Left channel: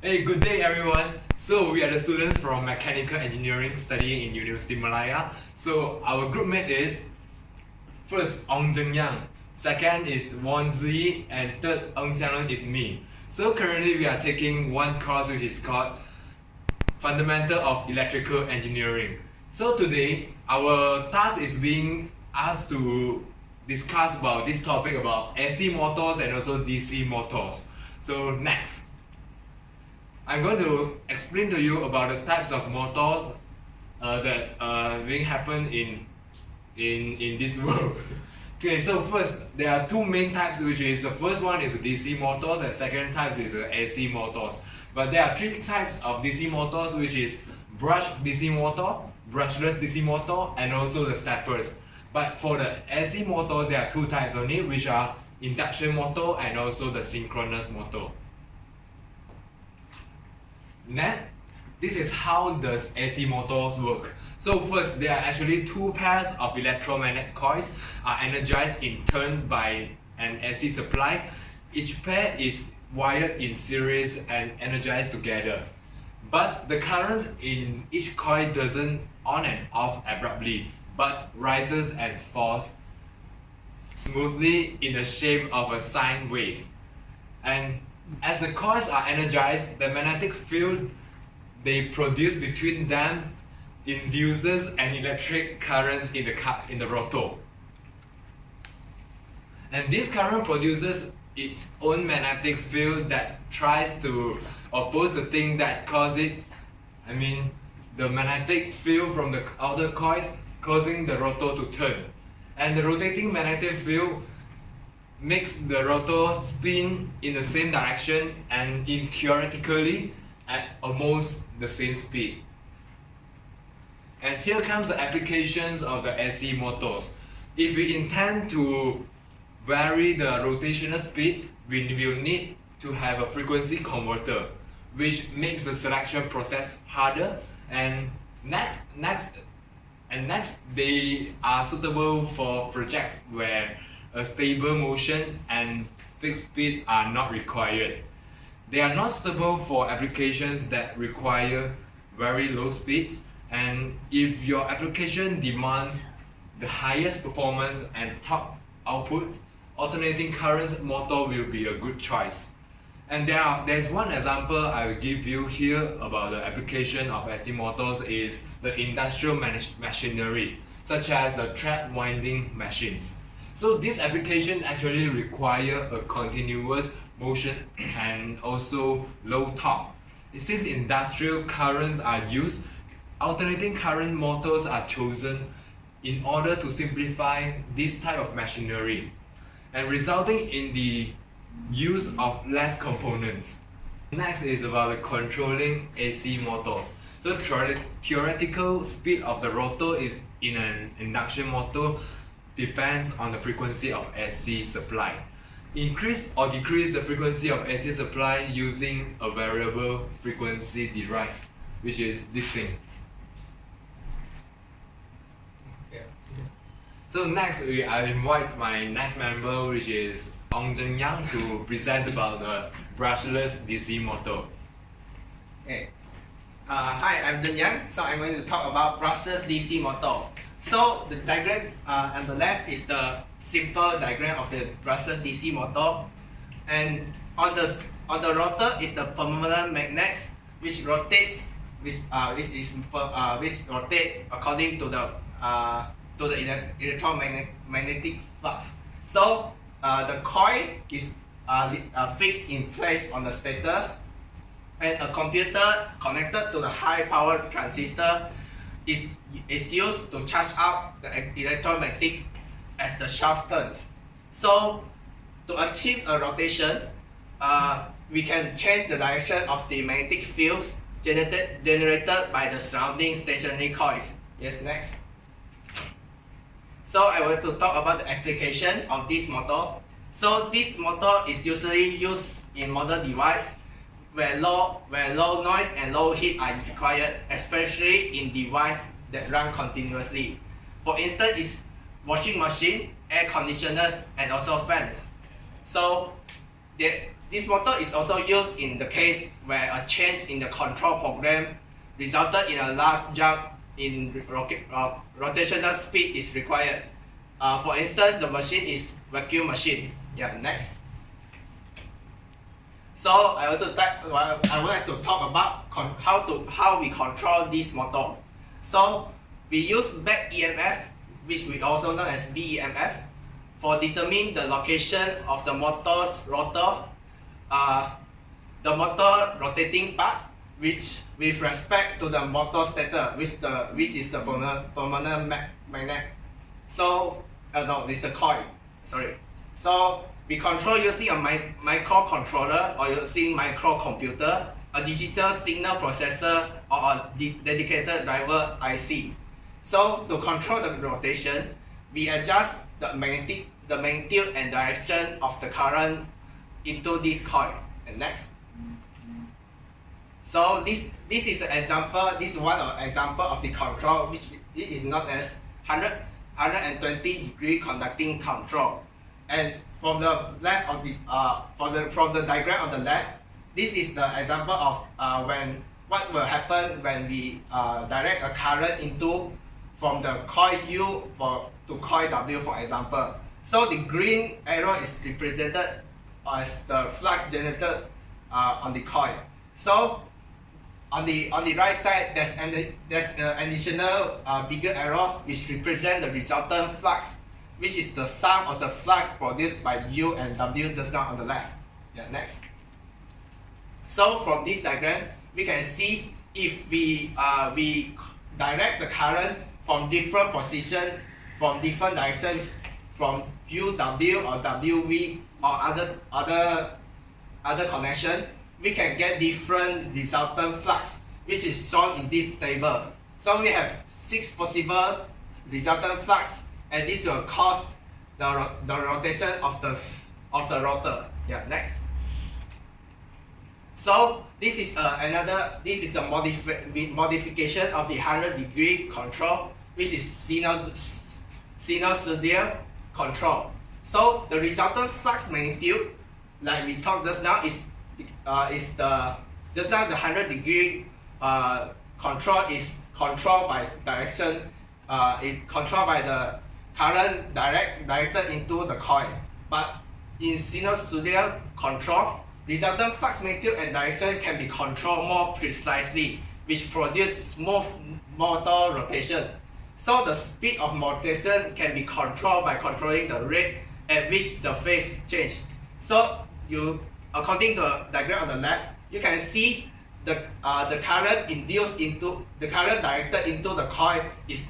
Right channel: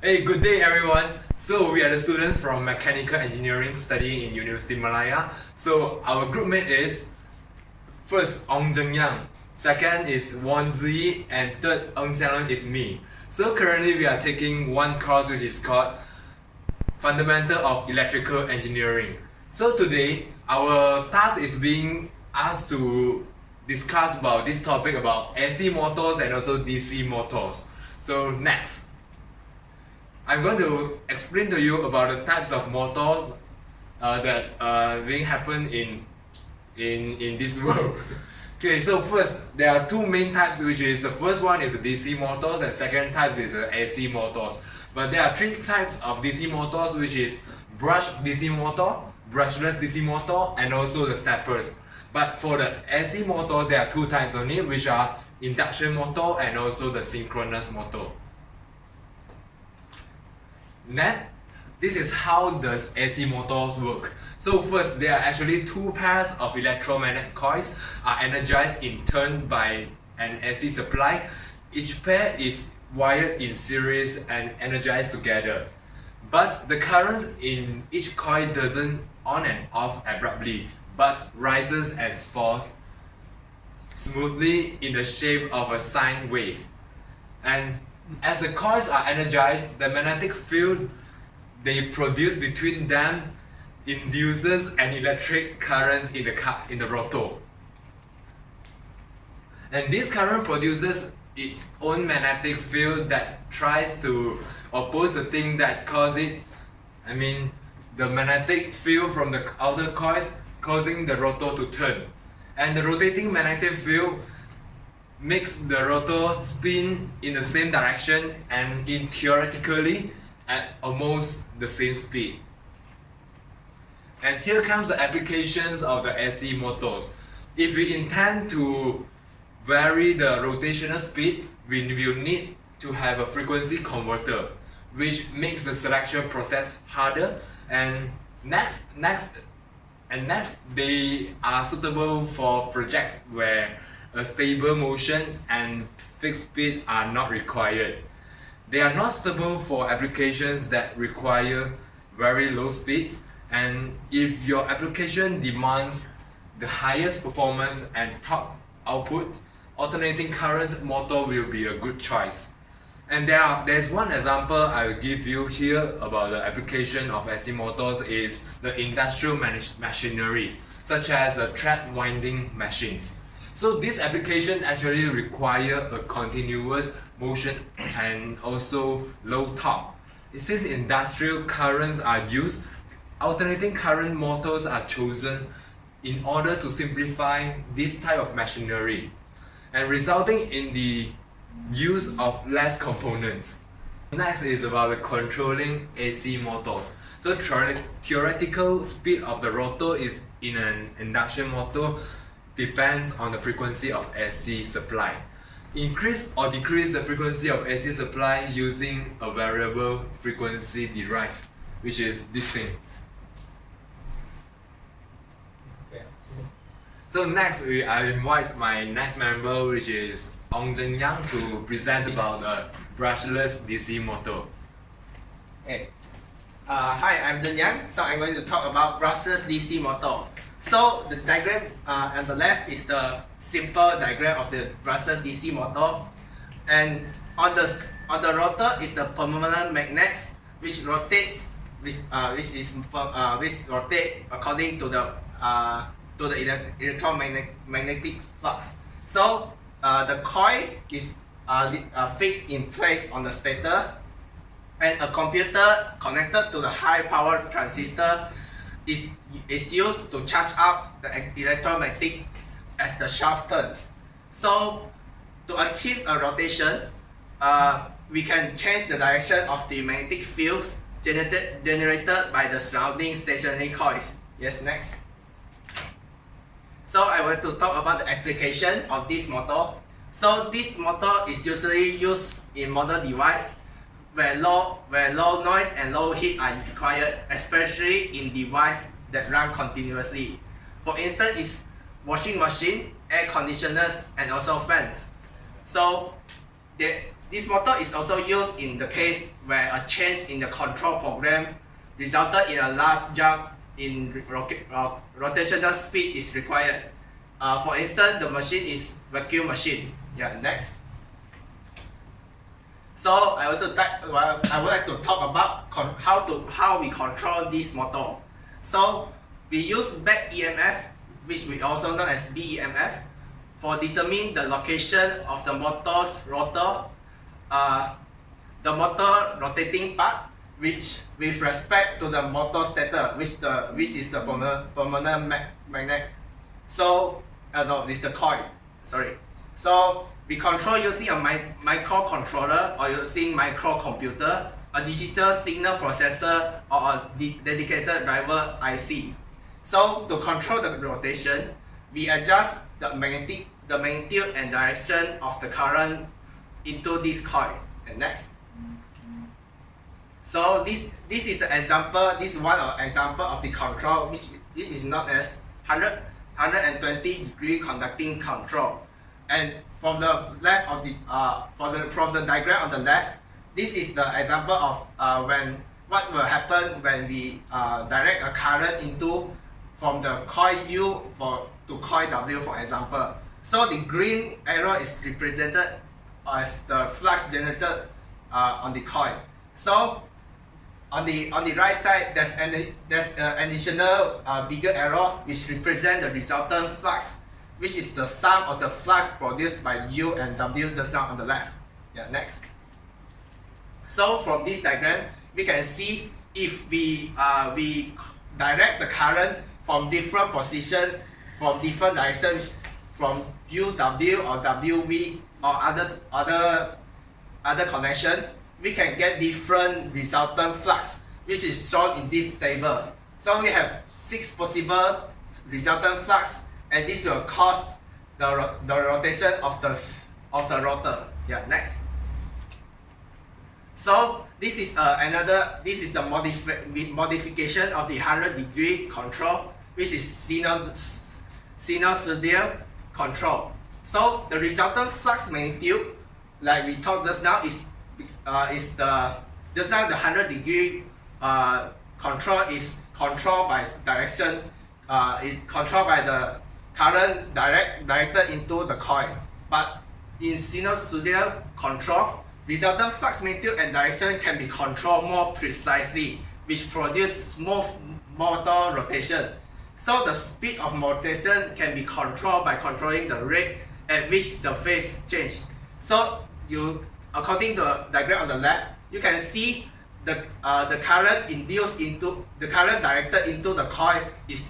Hey, good day everyone. So we are the students from Mechanical Engineering studying in University Malaya. So our group mate is first Ong Zheng Yang, second is Won Zi, and third Eng Xiangren is me. So currently we are taking one course which is called Fundamental of Electrical Engineering. So today our task is being asked to discuss about this topic about AC motors and also DC motors. So next, I'm going to explain to you about the types of motors that being happen in this world. Okay, so first there are two main types, which is the first one is the DC motors and second type is the AC motors. But there are three types of DC motors, which is brushed DC motor, brushless DC motor, and also the steppers. But for the AC motors, there are two types only, which are induction motor and also the synchronous motor. Next, this is how does AC motors work. So first, there are actually two pairs of electromagnetic coils are energized in turn by an AC supply. Each pair is wired in series and energized together. But the current in each coil doesn't on and off abruptly, but rises and falls smoothly in the shape of a sine wave. And as the coils are energized, the magnetic field they produce between them induces an electric current in the rotor. And this current produces its own magnetic field that tries to oppose the thing that causes it. The magnetic field from the outer coils causing the rotor to turn. And the rotating magnetic field makes the rotor spin in the same direction and theoretically at almost the same speed. And here comes the applications of the AC motors. If we intend to vary the rotational speed, we will need to have a frequency converter, which makes the selection process harder. And next, they are suitable for projects where a stable motion and fixed speed are not required. They are not suitable for applications that require very low speeds, and if your application demands the highest performance and top output, alternating current motor will be a good choice. And there's one example I will give you here about the application of AC motors is the industrial machinery, such as the thread winding machines. So this application actually require a continuous motion and also low torque. Since industrial currents are used, alternating current motors are chosen in order to simplify this type of machinery and resulting in the use of less components. Next is about the controlling AC motors. So theoretical speed of the rotor is in an induction motor depends on the frequency of AC supply. Increase or decrease the frequency of AC supply using a variable frequency derived, which is this thing. So next, I invite my next member, which is Ong Zheng Yang, to present about the brushless DC motor. Okay. Hi, I'm Zheng Yang. So I'm going to talk about brushless DC motor. So the diagram on the left is the simple diagram of the brushless DC motor, and on the rotor is the permanent magnets which rotates, which rotate according to the electromagnetic flux. So the coil is fixed in place on the stator, and a computer connected to the high power transistor is used to charge up the electromagnetic as the shaft turns. So to achieve a rotation, we can change the direction of the magnetic fields generated by the surrounding stationary coils. Yes, next. So I want to talk about the application of this motor. So this motor is usually used in modern device where low noise and low heat are required, especially in devices that run continuously. For instance, is washing machine, air conditioners, and also fans. So This motor is also used in the case where a change in the control program resulted in a large jump in rotational speed is required. For instance, the machine is vacuum machine. Yeah, next. So I would like to talk about how we control this motor. So we use back EMF, which we also know as BEMF, for determine the location of the motor's rotor, the motor rotating part, which with respect to the motor stator, which is the permanent magnet. So no, it's the coil. Sorry. So we control using a microcontroller or using microcomputer, a digital signal processor, or a dedicated driver IC. So to control the rotation, we adjust the magnitude and direction of the current into this coil. And next. So this is an example. This is one example of the control, which is known as 120-degree conducting control. And from the left of the from the diagram on the left, this is the example of what will happen when we direct a current into from the coil U to coil W, for example. So the green arrow is represented as the flux generated on the coil. So on the right side, there's an additional bigger arrow which represents the resultant flux, which is the sum of the flux produced by U and W just now on the left. Yeah, next. So from this diagram, we can see if we direct the current from different position, from different directions, from UW or WV or other connection, we can get different resultant flux, which is shown in this table. So we have 6 possible resultant flux, and this will cause the rotation of the rotor. Yeah, next. So this is the modification of the 100-degree control, which is sinusoidal control. So the resultant flux magnitude, like we talked just now, is the 100-degree control is controlled by direction. It's controlled by the current directed into the coil. But in sinusoidal control, resultant flux magnitude and direction can be controlled more precisely, which produce smooth motor rotation. So the speed of rotation can be controlled by controlling the rate at which the phase change. So according to the diagram on the left, you can see the current directed into the coil is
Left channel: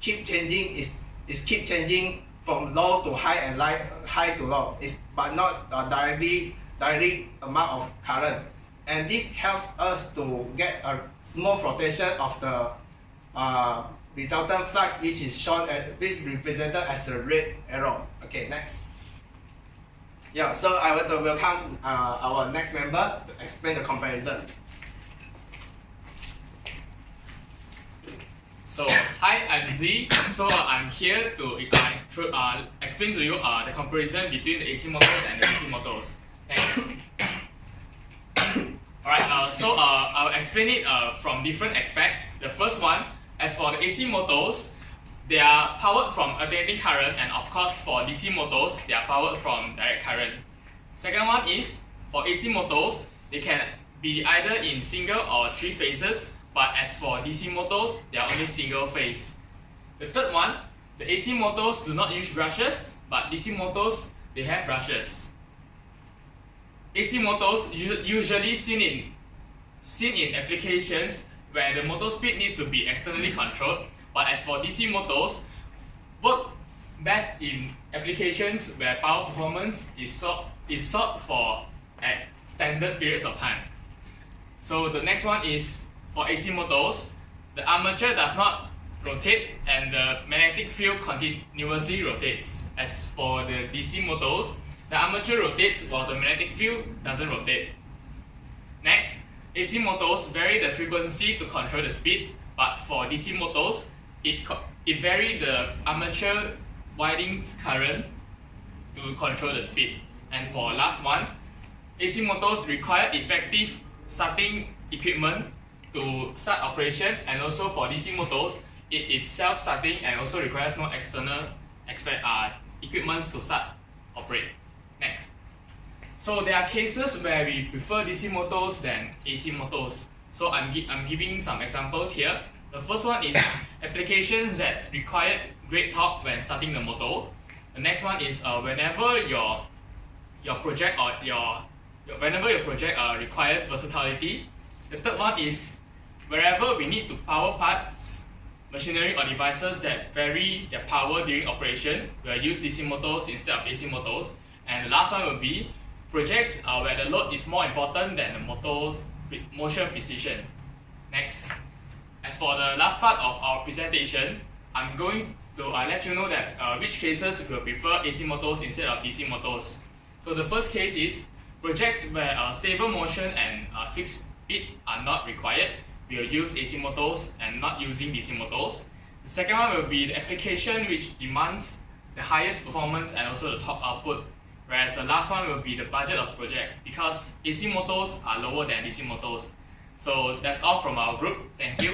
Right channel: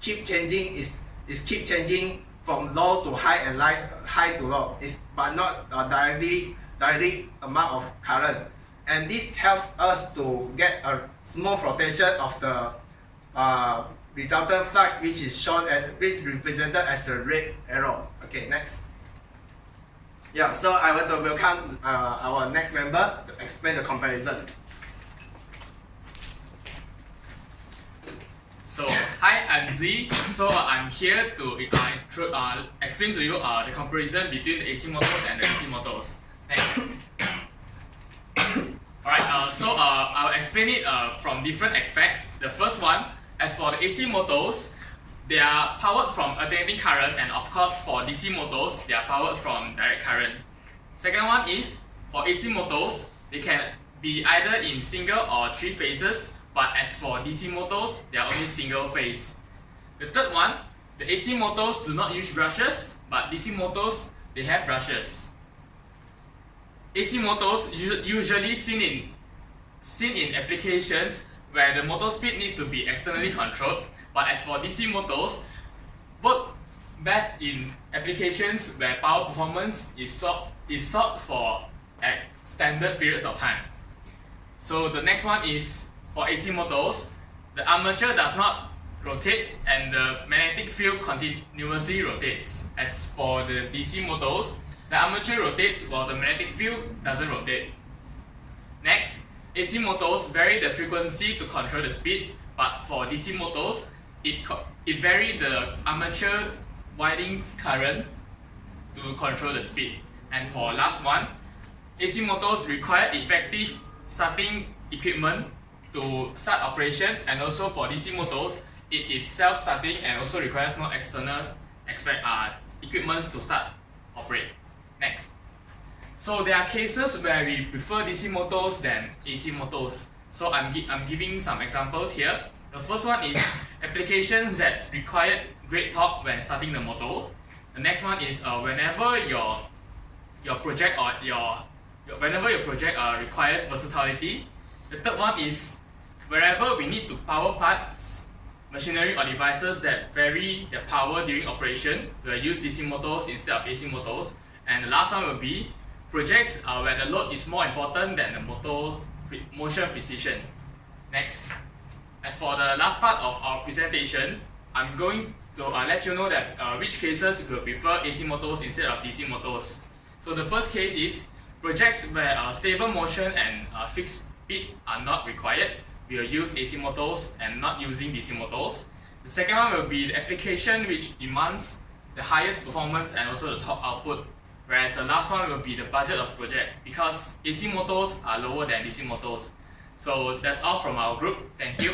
keep changing from low to high and high to low, but not directly amount of current. And this helps us to get a smooth rotation of the resultant flux, which is represented as a red arrow. Okay, next. Yeah, so I want to welcome our next member to explain the comparison. So hi, I'm Z. So I'm here to explain to you the comparison between the AC motors and the DC motors. Thanks. Alright, so I'll explain it from different aspects. The first one, as for the AC motors, they are powered from alternating current, and of course for DC motors, they are powered from direct current. Second one is, for AC motors, they can be either in single or 3 phases, but as for DC motors, they are only single phase. The third one, the AC motors do not use brushes, but DC motors, they have brushes. AC motors usually seen in applications where the motor speed needs to be externally controlled, but as for DC motors, work best in applications where power performance is sought for at standard periods of time. So the next one is, for AC motors, the armature does not rotate and the magnetic field continuously rotates. As for the DC motors, the armature rotates while the magnetic field doesn't rotate. Next, AC motors vary the frequency to control the speed, but for DC motors, it varies the armature windings current to control the speed. And for last one, AC motors require effective starting equipment to start operation, and also for DC motors, it is self-starting and also requires no external equipment to start operate. Next. So there are cases where we prefer DC motors than AC motors. So I'm giving some examples here. The first one is applications that require great torque when starting the motor. The next one is whenever your project requires versatility. The third one is wherever we need to power parts, machinery or devices that vary their power during operation, we'll use DC motors instead of AC motors. And the last one will be projects where the load is more important than the motor's motion precision. Next. As for the last part of our presentation, I'm going to let you know that which cases we will prefer AC motors instead of DC motors. So the first case is projects where stable motion and fixed speed are not required. We will use AC motors and not using DC motors. The second one will be the application which demands the highest performance and also the torque output. Whereas the last one will be the budget of project, because AC motors are lower than DC motors. So that's all from our group. Thank you.